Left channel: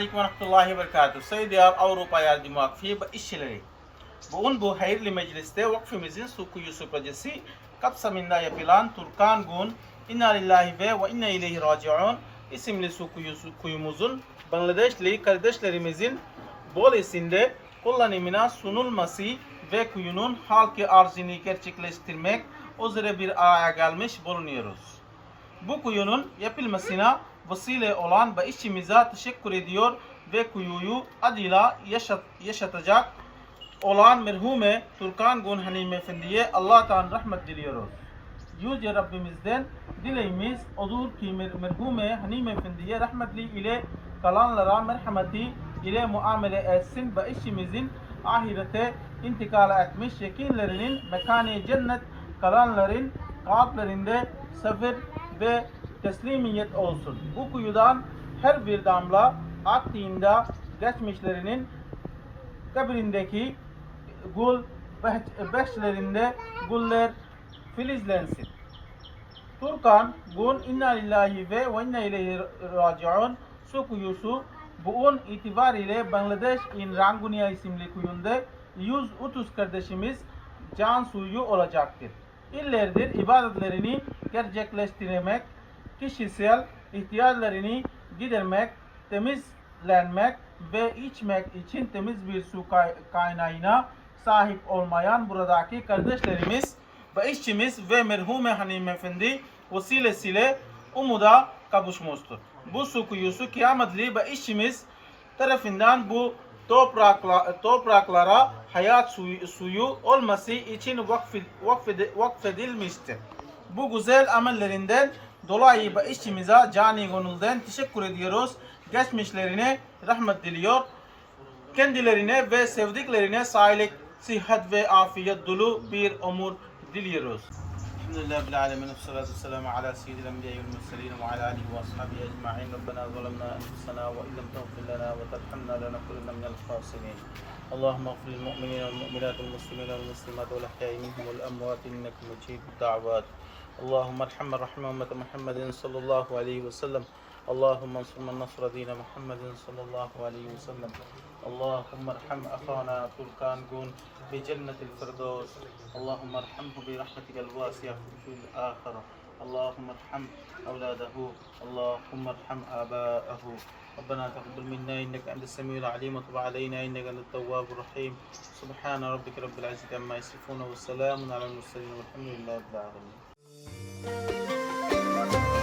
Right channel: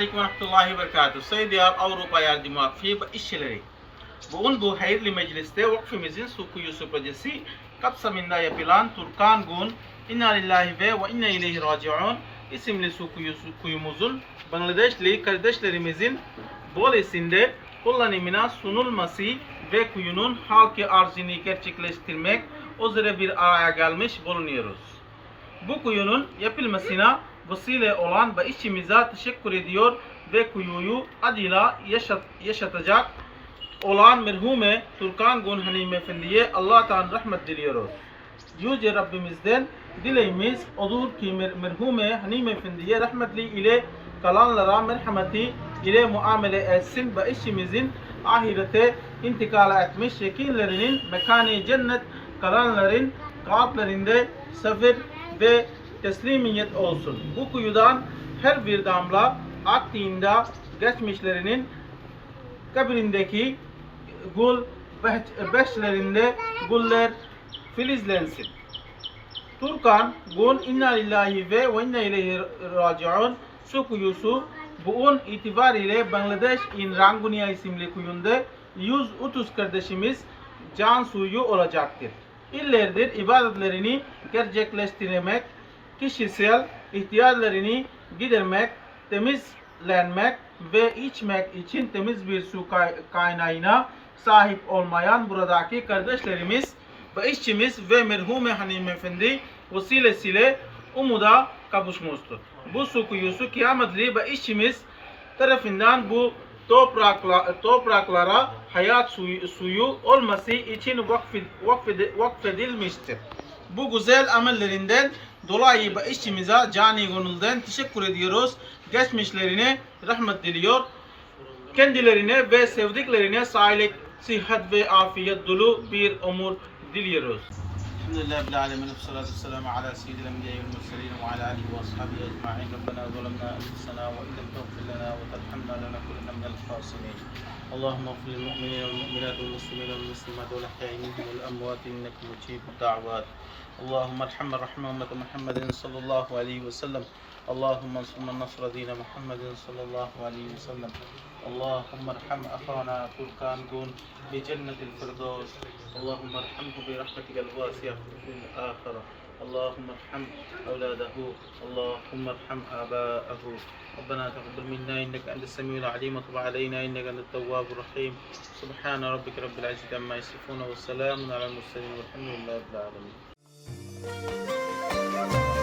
rahmetullahi ve berekatuhu. Sayyidiyar Avrupa Yardım Vakfı işçileri. Bugün bu hayırlı mecliste vakfımızın su kuyusu projesi kapsamında yapılan Turkan Gun İnna Lillahi ve ve İnna İleyhi Raciun isimli su kuyumuzun Bangladeşli kardeşlerimizin Bolesinde kullanımına sunulması ve kuyunun halkı arzını gerçekleştirmek üzere bir araya gelmiş bulunuyoruz. Bu kuyunun yapılmasına vesile olan ve işçimize teşekkür ediyor ve kuyuyu adıyla yaşat, yaşatacak olan merhume Turkan Gun Hanime Efendi'ye Allah'tan rahmet diliyoruz. Yüce Rabbimizden dileğimiz odur ki mer merhume Hanime Efendi'ye rahmetli ile kalanlara merhameti ile muamele etsin ve işimizin ahirete intikal etmiş yekinlerinin mekanı cennet kalanların kalplerinde sabır ve teslimiyet olsun. Bu kuyudan her bir damla aktığında geçmişlerinin kabrindeki beş- beşlerinde güller filizlensin. Turkan, Gun inna lillahi ve ve inna ileyhi raciun su kuyusu bugün itibariyle Bangladeş in Rangunia isimli kuyunda 130 kardeşimiz can suyu olacaktır. İllerdir ibadetlerini gerçekleştirmek, kişisel ihtiyaçlarını gidermek, temizlenmek ve içmek için temiz bir su kay- kaynağına sahip olmayan buradaki kardeşlerimiz ve işçimiz ve merhume Hanım Efendi vesilesiyle umuda kavuşmuştur. Bu su kuyusu kıyametli ve işçimiz tarafından bu toprakla, topraklara hayat suyu, suyu olması için vakfed, vakfed, vakfedilmiştir. Bu güzel amellerinden dolayı ve işçimize cani gönülden teşekkür ediyoruz. Geçmişlerine rahmet diliyor kendilerine ve sevdiklerine sağlık, sıhhat ve afiyet dolu bir ömür diliyoruz. Elhamdülillahi Rabbil Alemin. Salatu selamu ala seyyidil enbiya ve murselin ve ala alihi ve ashabihi ecma'in. Rabbena zalemna enfusena ve illam tağfir lana ve terhamna lanakunanna minel khasirin. اللهم اغفر للمؤمنين والمؤمنات والمسلمين والمسلمات والاحياء منهم والاموات انك مجيب الدعوات اللهم ارحم أمة محمد صلى الله عليه وسلم. اللهم انصر من نصر دين محمد صلى الله عليه وسلم. اللهم ارحم أخانا تركان قون بجنة الفردوس. اللهم ارحمه برحمتك الواسعة في الآخرة اللهم ارحم أولاده. اللهم ارحم آباءه. ربنا تقبل منا إنك أنت السميع العليم وتب علينا إنك أنت التواب الرحيم. سبحان ربك رب العزة عما يصفون وسلام على المرسلين والحمد لله رب العالمين. Thank you.